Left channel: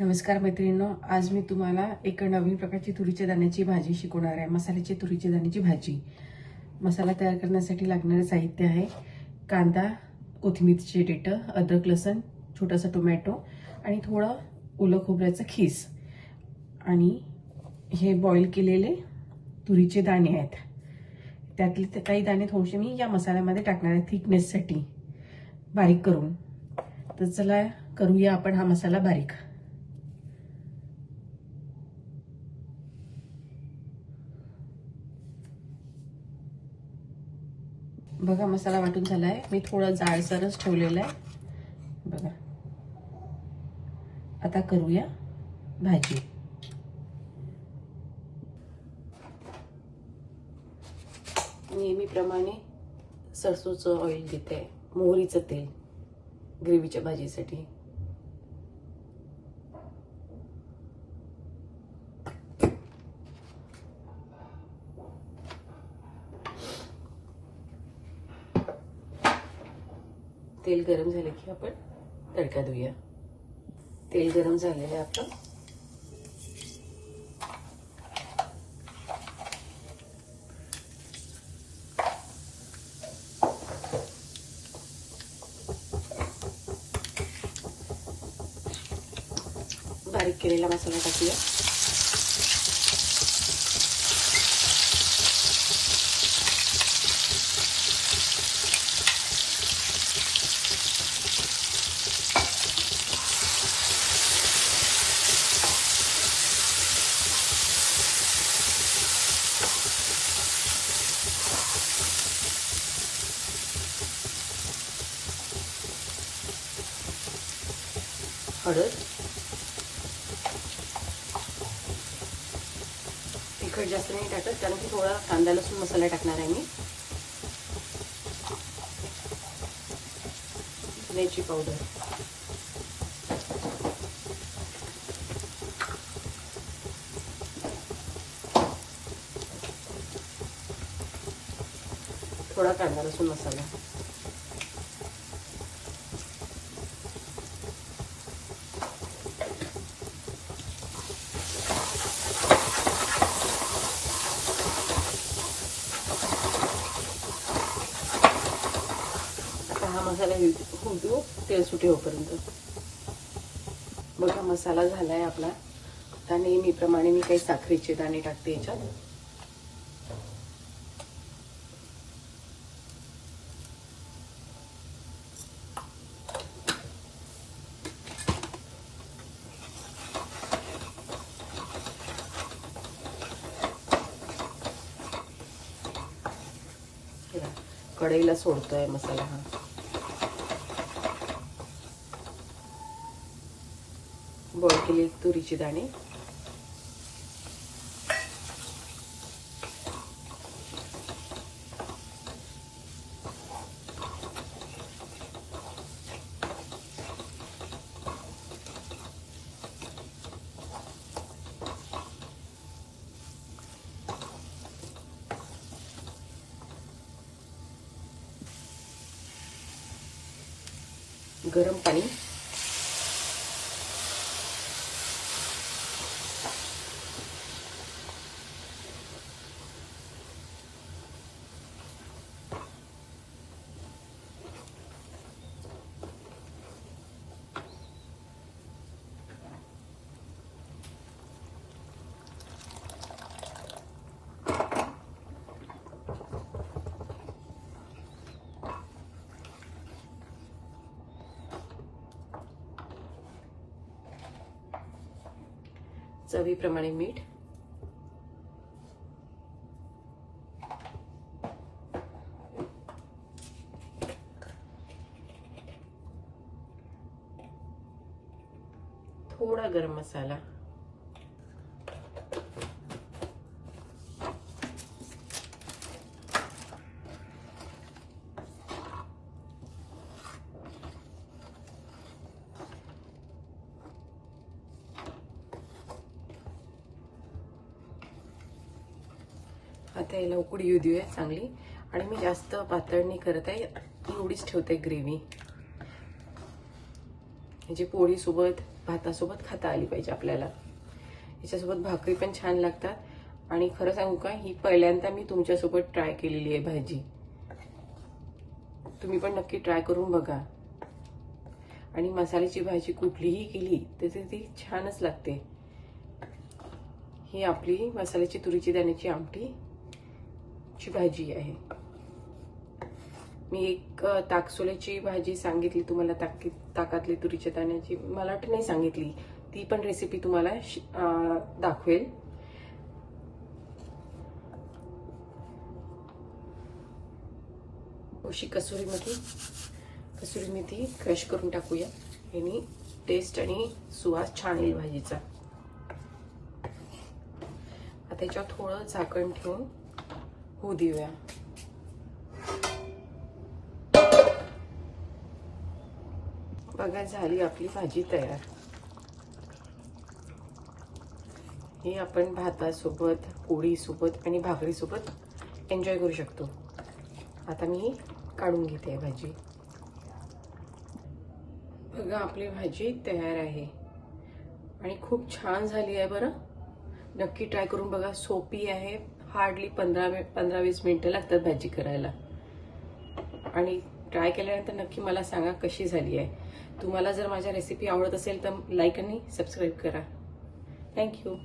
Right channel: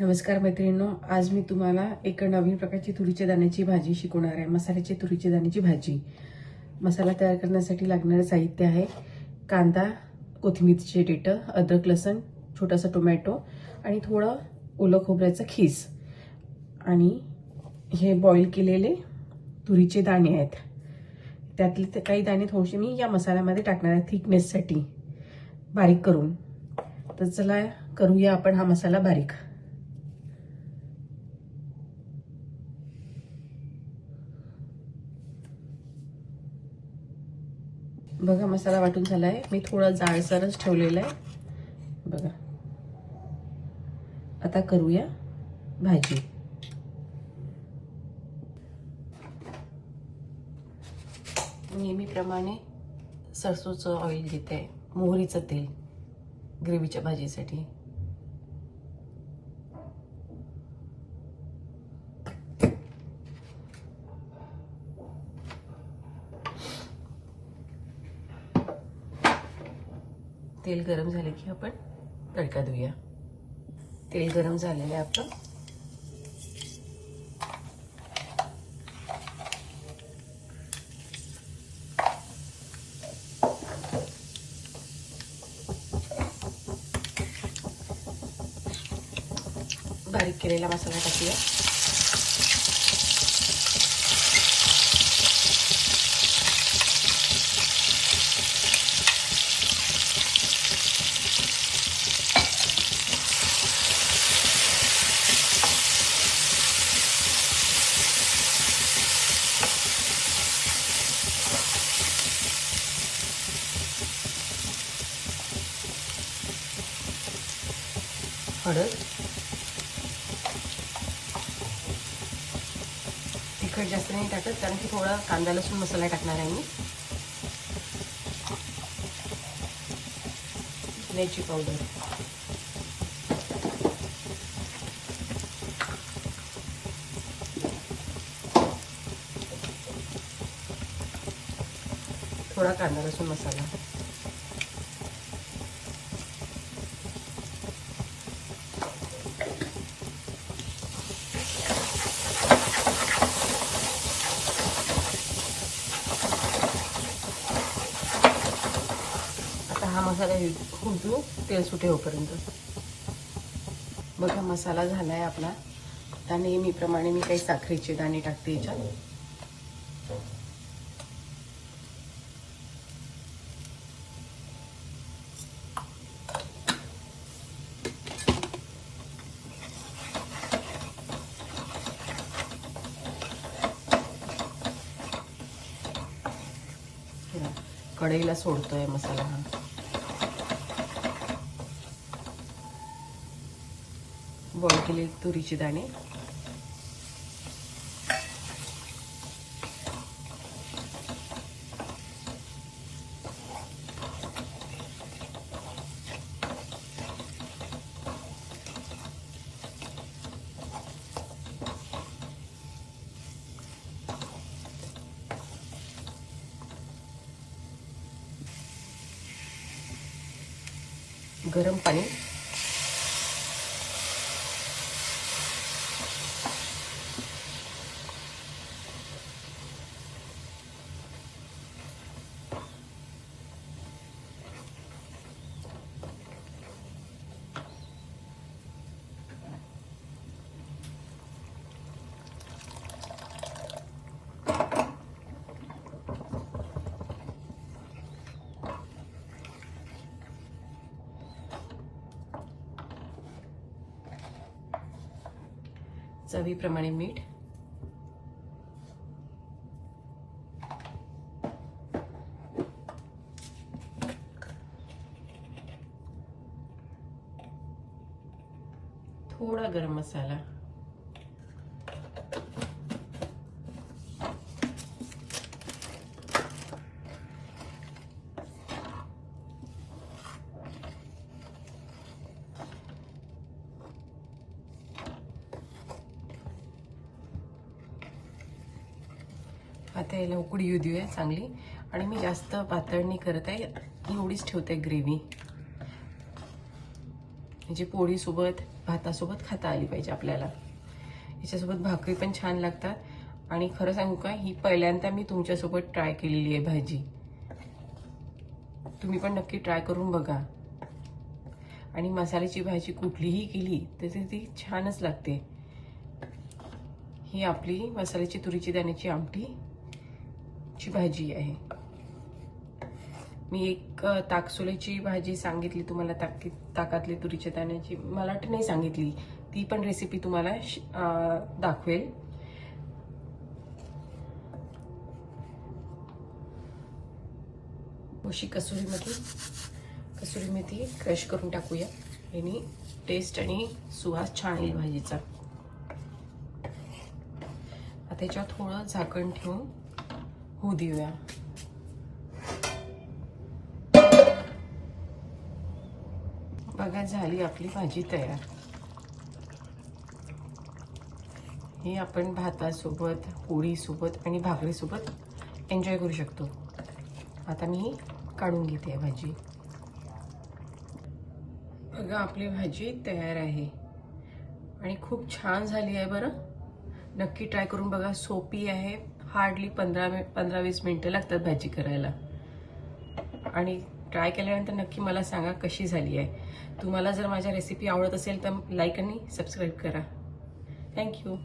नमस्कार मैत्रिणींनो, आज मी तुम्हाला एक नवीन प्रकारची तुरीच्या दाण्याची भाजी शिकवणार आहे. मसाल्याची तुरीच्या दाण्याची भाजी. मसाला तयार करण्यासाठी लागणारे साहित्य आहे कांदा, कोथिंबीरचे देठं, अद्रक, लसूण, छोटासा टोमॅटो आणि थोडं ओलं खोबऱ्याचं खीस. आणि हे बॉईल केलेले तुरीचे दाणे आहेत. त्यातले काही दाणे थोडेसे मी या मसाल्यामध्ये टाकणार आहे थिकनेससाठी बारीक करून. तर चला करूया आपण हा मसाला बारीक. बघा मसाला वाटून झालाय. मी थोडा जाडसरच ठेवलेला आहे. बघा आता करूया भाजी. नेहमीप्रमाणे सरसोचं ऑइल घेते आहे, मोहरीचं तेल ग्रेव्हीच्या भाजीसाठी. तेल गरम झाले की आपण तडका देऊया. तेल गरम झालेलं आहे आपलं. बारीक केलेला मसाला टाकूया. हळद, तिखट जास्त नाही टाकत कारण की थोडा कांदा लसूण मसाला टाकणार आहे मी. धन्याची पावडर, थोडा कांदा लसूण मसाला, हा मसाला घुंटू तेल सुटे होईपर्यंत. बघा मसाला झालाय आपला. आता नेहमीप्रमाणे मी काही साखरेचे दाणे टाकते याच्यात. कढईला सोडतोय मसाला हा. बॉईल केले तुरीचे दाणे, गरम पाणी, चवीप्रमाणे मीठ, थोडा गरम मसाला, आता याला उकळी येऊ देऊया चांगली. आणि मी जास्त पातळ नाही करत आहे, एवढीच ठेवते ग्रेव्ही. म्हणजे पोळीसोबत भातासोबत खाता आली पाहिजे आपल्याला. याच्यासोबत भाकरी पण छान लागतात आणि खरं सांगू का, ही पहिल्यांदा मी तुमच्यासोबत ट्राय केलेली आहे भाजी. तुम्ही पण नक्की ट्राय करून बघा. आणि मसाल्याची भाजी कुठलीही केली तर ती छानच लागते. ही आपली मसाल्याची तुरीची दाण्याची आमटीची भाजी आहे. मी एक ताकसोल्याची भाजी सांगितली तुम्हाला, ताकातली तुरीच्या दाण्याची, मला वाटतं नाही सांगितली, ती पण रेसिपी तुम्हाला दाखवेल. अशी कसुरी मेथी क्रश करून टाकूया. यानी टेस्ट आणि सुवास छान येईल भाजीचा. आता याच्यावर थोडं झाकण ठेवून होऊ देऊया. बघा, झाली आपली भाजी तयार. हे आपण भातासोबत, पोळीसोबत आणि भाकरीसोबत एन्जॉय करू शकतो. आता मी काढून घेते भाजी. बघा, आपली भाजी तयार आहे आणि खूप छान झाली आहे बरं. नक्की ट्राय करून बघा. सोपी आहे. हार्डली 15-20 मिनिटं लागतात भाजी करायला. आणि ट्राय केल्यानंतर नक्की मला सांगा कशी झाली आहे. तुम्हाला जर माझ्या रेसिपी आवडत असेल तर लाईक आणि सबस्क्राईब करा. थँक्यू.